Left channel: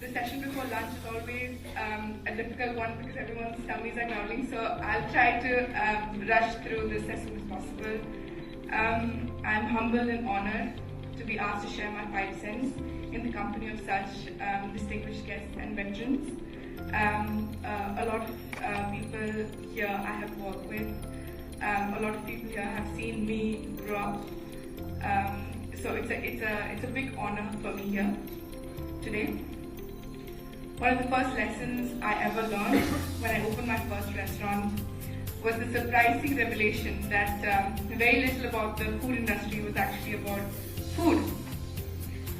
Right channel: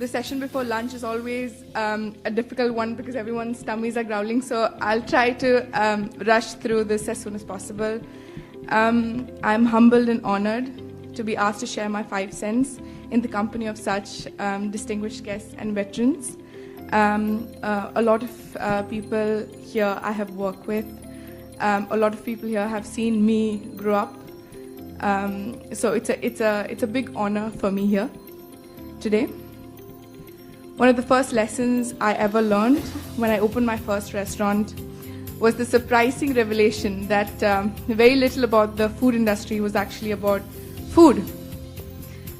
the session before lunch is always a difficult one because everyone's tummies are growling, so I'll try to rush through this as soon as possible. I'm humbled and honored to be asked to share my 5 cents in the company of such distinguished guests and veterans. A lot of people here I have worked with. A lot of people here have seen me grow up. So it's a big honor for me here today. One of the first lessons I ever learned when I opened my first restaurant was the surprising revelation that very little about the food industry was actually about food.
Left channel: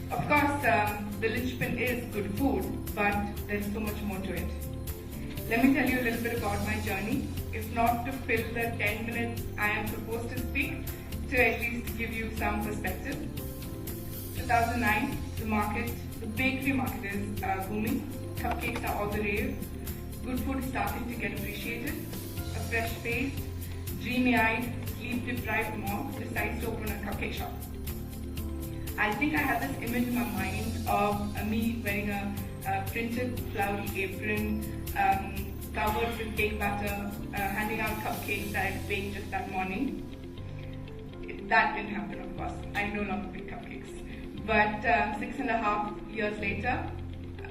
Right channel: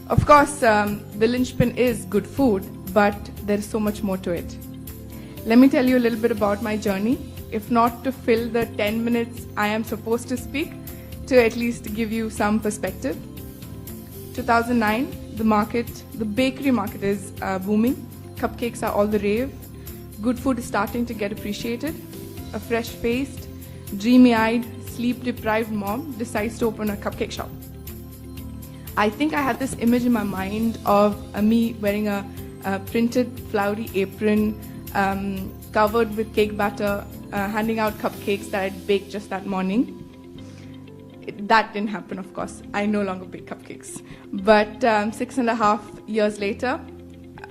Of course, the linchpin is good food, but there is so much more to it. Let me tell you a little bit about my journey, if not to fill the 10 minutes I am supposed to speak, to at least give you some perspective. 2009, the bakery market is booming. Cupcakes are all the rave. Good food is starting to get appreciated. A fresh-faced, dreamy-eyed, sleep-deprived mom decides to open a cupcake shop. I think I had this image in my mind of me wearing a printed flowery apron, covered with cake batter, handing out cupcakes that I'd baked just that morning. That didn't happen, of course. I no longer bake cupcakes. But 6.5 years later,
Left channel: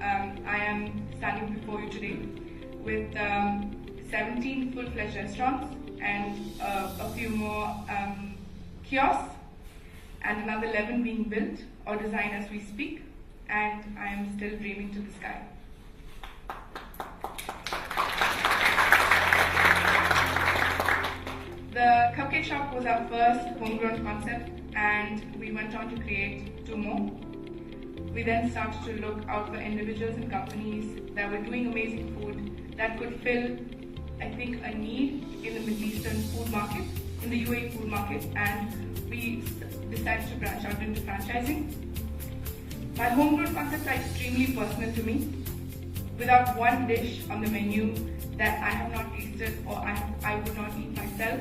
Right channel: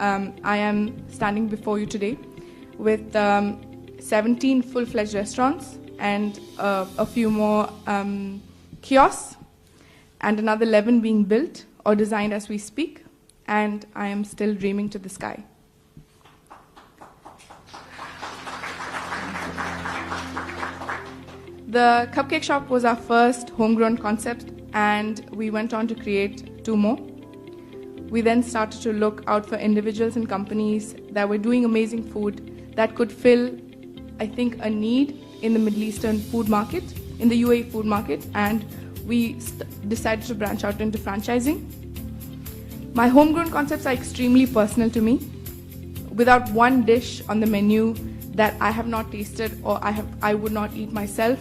I am standing before you today with 17 full-fledged restaurants and a few more kiosks, and another 11 being built or designed as we speak, and I am still dreaming to the sky. The cupcake shop was our first homegrown concept, and we went on to create 2 more. We then started to look out for individuals and companies that were doing amazing food that could fill, I think, a need in the Middle Eastern food market, in the UAE food market, and we decided to branch out into franchising. My homegrown concepts are extremely personal to me. Without one dish on the menu that I have not tasted or I would not eat myself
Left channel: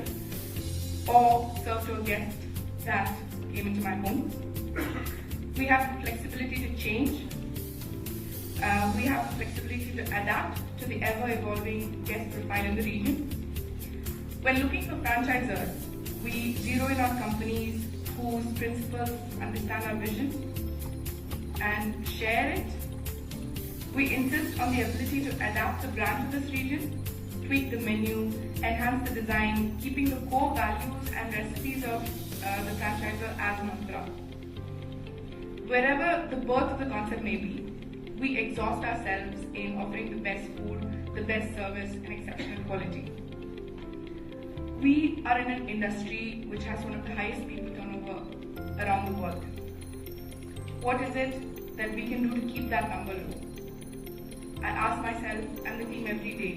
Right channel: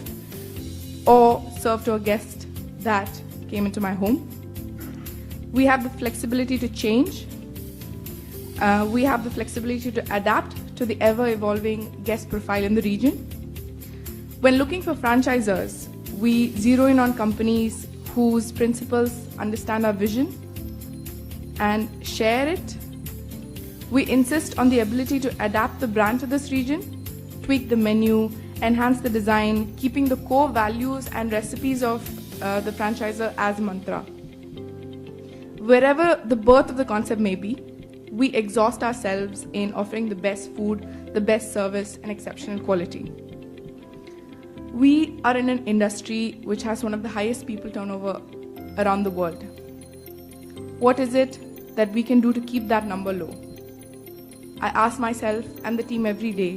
or serve to a guest that came into my home. We have the flexibility to change. We have the flexibility to adapt to the ever-evolving guest profile in the region. When looking for franchisors, we zero in on companies whose principals understand our vision and share it. We insist on the ability to adapt the brand to this region, tweak the menu, enhance the design, keeping the core values and recipes of the franchisor as a mantra. Wherever the birth of the concept may be, we exhaust ourselves in offering the best food, the best service, and exceptional quality. We are in an industry which has one of the highest people turnover around the world. What is it that we can do to keep that number low? I ask myself and the team every day,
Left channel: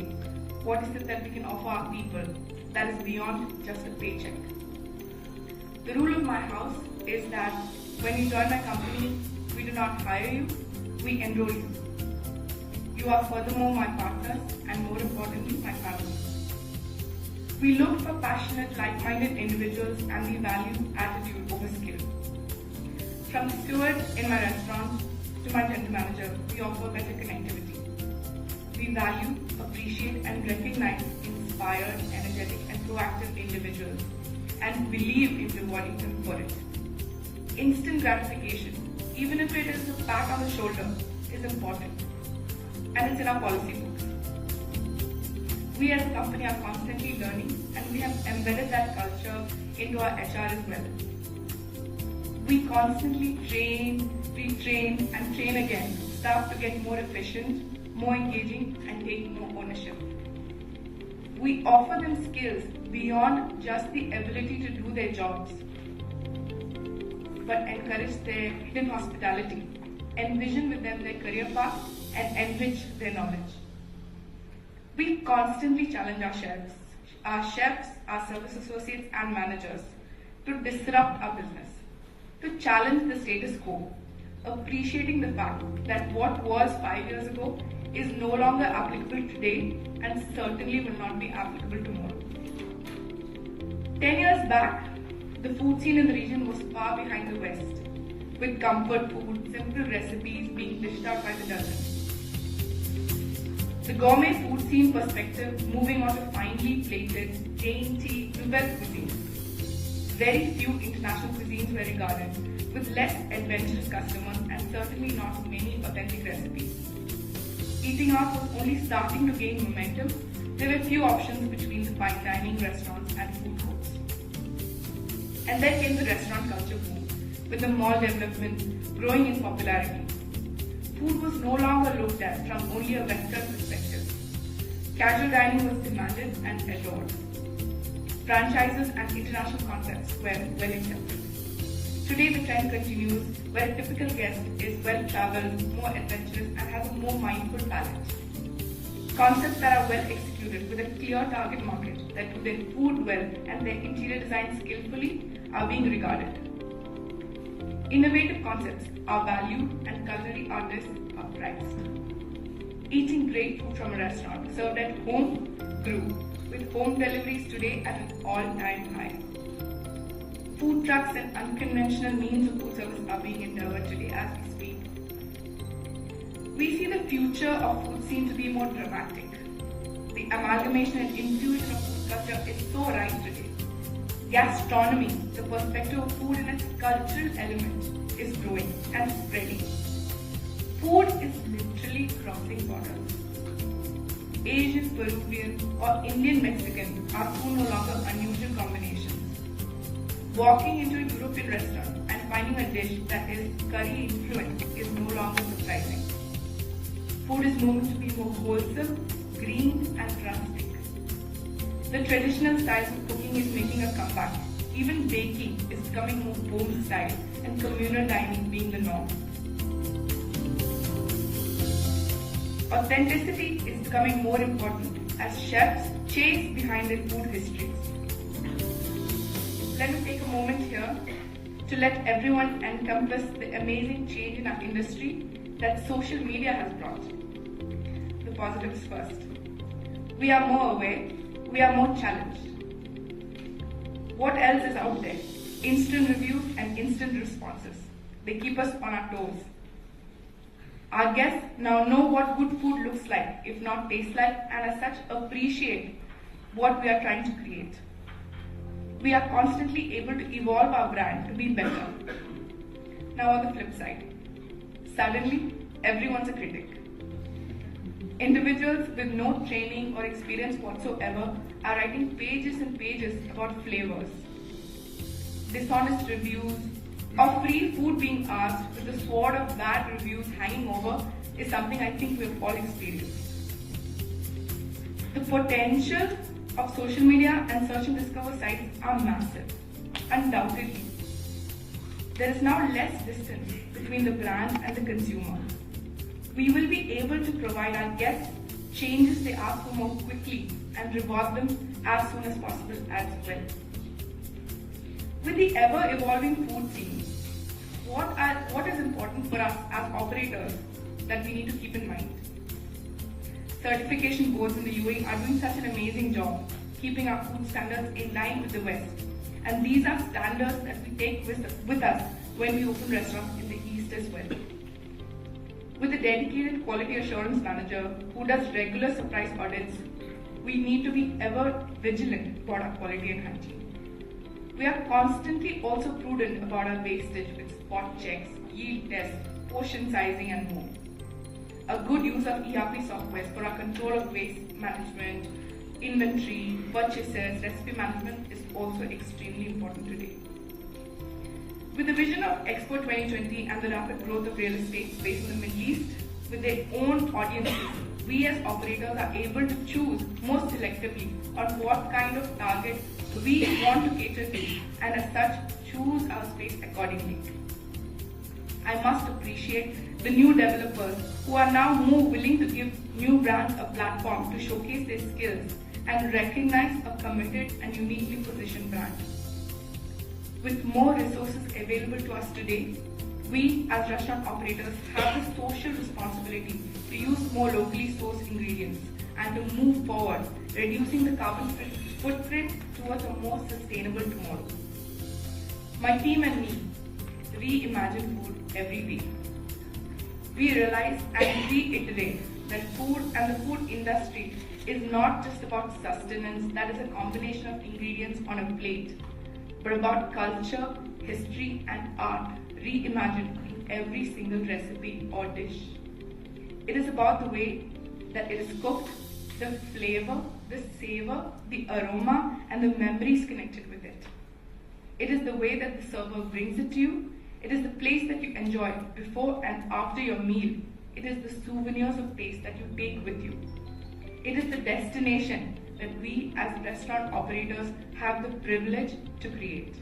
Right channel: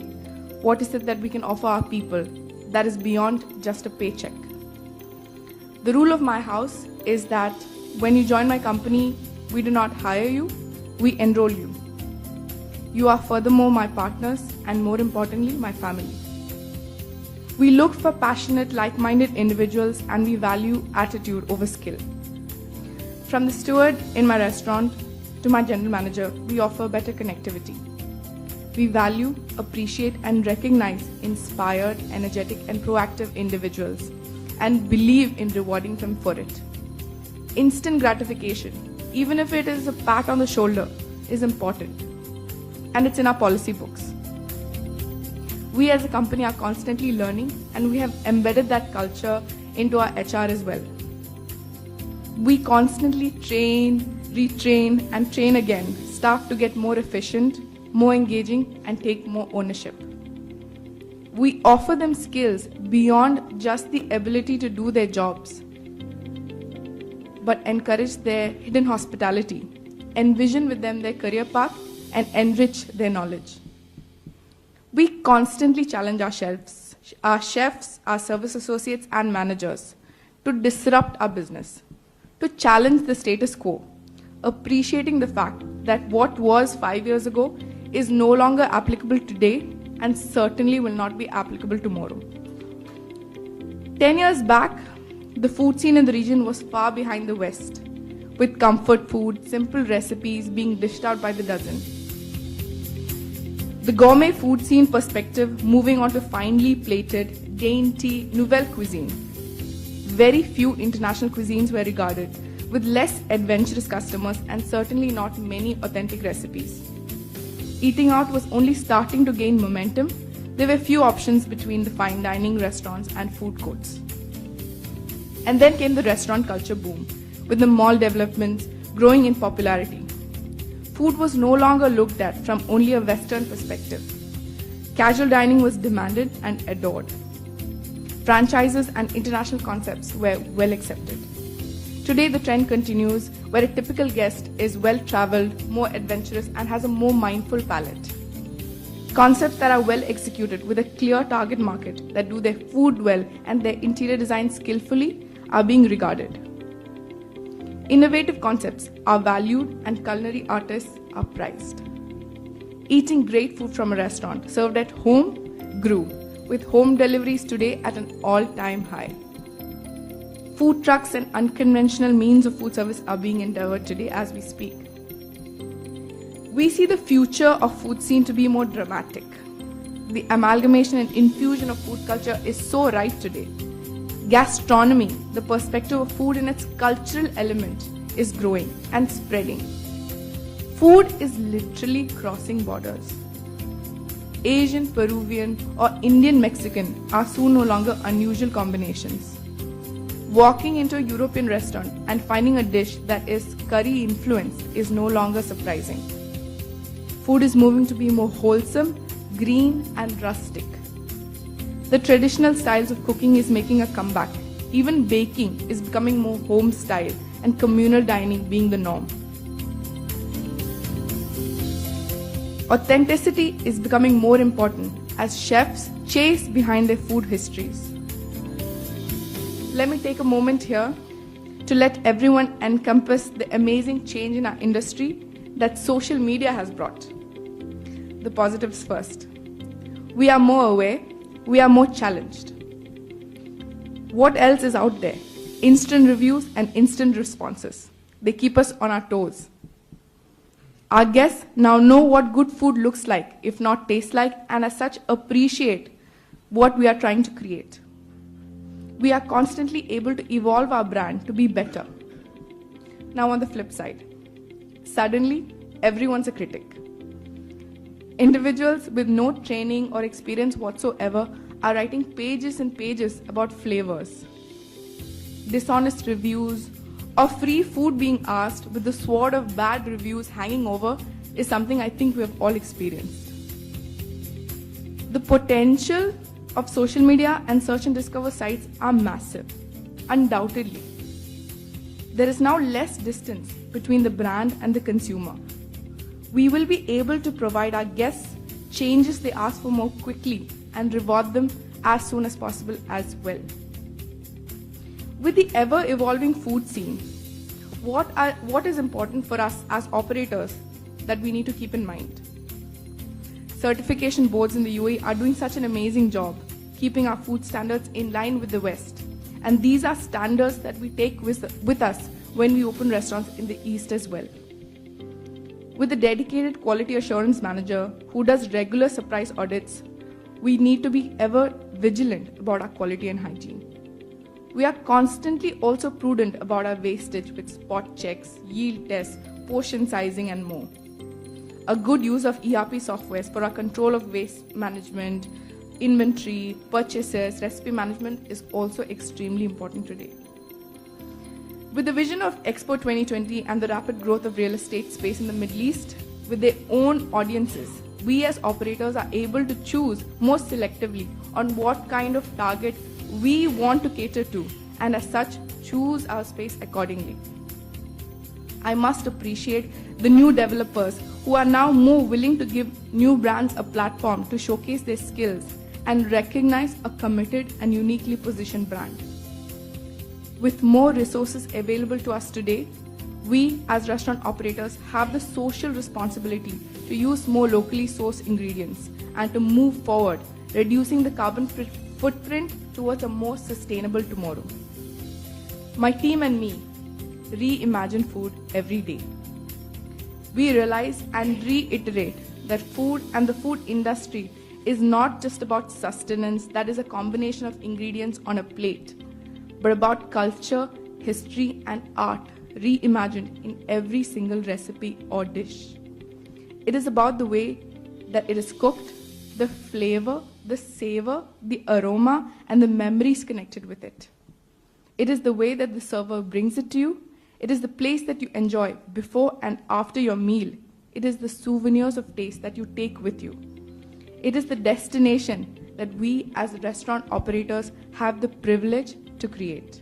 what is it that we can offer our people that is beyond just a paycheck? The rule of my house is that when you join my company, we do not hire you, we enroll you. You are furthermore my partners and, more importantly, my family. We look for passionate, like-minded individuals, and we value attitude over skill. From the steward in my restaurant to my general manager, we offer better connectivity. We value, appreciate, and recognize inspired, energetic, and proactive individuals and believe in rewarding them for it. Instant gratification, even if it is a pat on the shoulder, is important, and it's in our policy books. We as a company are constantly learning, and we have embedded that culture into our HR as well. We constantly train, retrain, and train again staff to get more efficient, more engaging, and take more ownership. We offer them skills beyond just the ability to do their jobs, but encourage their hidden hospitality, envision with them their career path, and enrich their knowledge. We constantly challenge our chefs, our service associates, and managers to disrupt our business, to challenge the status quo, appreciating the fact that what was 5 years ago is no longer applicable today and certainly will not be applicable tomorrow. 10 years back, the food scene in the region was far behind the West, with comfort food, simple recipes being dished out by the dozen. The gourmet food scene perspective, moving on to finely plated, dainty, nouvelle cuisine. Very few international cuisines were regarded, with less adventurous customers and certainly not many authentic recipes. Eating out was only starting to gain momentum. There were few options between the fine dining restaurants and food courts. And then came the restaurant culture boom, with the mall developments growing in popularity. Food was no longer looked at from only a Western perspective. Casual dining was demanded and adored. Franchises and international concepts were well accepted. Today the trend continues, where a typical guest is well-traveled, more adventurous and has a more mindful palate. Concepts that are well executed with a clear target market that do their food well and their interior design skillfully are being regarded. Innovative concepts are valued and culinary artists are prized. Eating great food from a restaurant served at home grew, with home deliveries today at an all-time high. Food trucks and unconventional means of food service are being endeavored today as we speak. We see the future of food scene to be more dramatic. The amalgamation and infusion of food culture is so rife today. Gastronomy, the perspective of food in its cultural element, is growing and spreading. Food is literally crossing borders. Asian, Peruvian or Indian Mexican are soon no longer unusual combinations. Walking into a European restaurant and finding a dish that is curry influenced is no longer surprising. Food is moving to be more wholesome, green and rustic. The traditional styles of cooking is making a comeback. Even baking is becoming more home style and communal dining being the norm. Authenticity is becoming more important as chefs chase behind their food histories. Let me take a moment here to let everyone encompass the amazing change in our industry that social media has brought. The positives first. We are more aware, we are more challenged. What else is out there? Instant reviews and instant responses. They keep us on our toes. Our guests now know what good food looks like, if not tastes like, and as such appreciate what we are trying to create. We are constantly able to evolve our brand to be better. Now on the flip side, suddenly everyone's a critic. Individuals with no training or experience whatsoever are writing pages and pages about flavors. Dishonest reviews or free food being asked with the sword of bad reviews hanging over is something I think we have all experienced. The potential of social media and search and discover sites are massive, undoubtedly. There is now less distance between the brand and the consumer. We will be able to provide our guests changes they ask for more quickly and reward them as soon as possible as well. With the ever-evolving food scene, what is important for us as operators that we need to keep in mind? Certification boards in the UAE are doing such an amazing job keeping our food standards in line with the West. And these are standards that we take with us when we open restaurants in the East as well. With a dedicated quality assurance manager who does regular surprise audits, we need to be ever vigilant about our quality and hygiene. We are constantly also prudent about our wastage with spot checks, yield tests, portion sizing and more. A good use of ERP softwares for our control of waste management, inventory, purchases, recipe management is also extremely important today. With the vision of Expo 2020 and the rapid growth of real estate space in the Middle East, with their own audiences, we as operators are able to choose more selectively on what kind of target we want to cater to, and as such, choose our space accordingly. I must appreciate the new developers who are now more willing to give new brands a platform to showcase their skills and recognize a committed and uniquely positioned brand. With more resources available to us today, we as restaurant operators have the social responsibility to use more locally sourced ingredients and to move forward, reducing the carbon footprint towards a more sustainable tomorrow. My team and me reimagine food every day. We realize and reiterate that food and the food industry is not just about sustenance, that is a combination of ingredients on a plate, but about culture, history, and art reimagined in every single recipe or dish. It is about the way that it is cooked, the flavor, the savor, the aroma, and the memories connected with it. It is the way that the server brings it to you. It is the place that you enjoy before and after your meal. It is the souvenirs of taste that you take with you. It is the destination that we as restaurant operators have the privilege to create.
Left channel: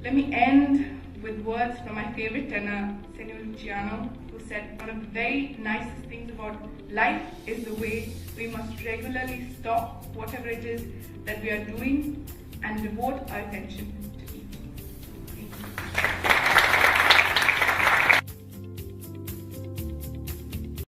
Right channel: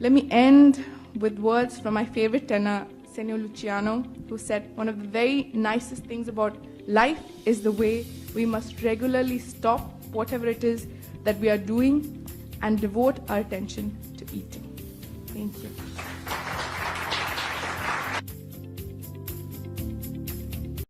Let me end with words from my favorite tenor, Senor Luciano, who said one of the very nicest things about life is the way we must regularly stop whatever it is that we are doing and devote our attention to eating.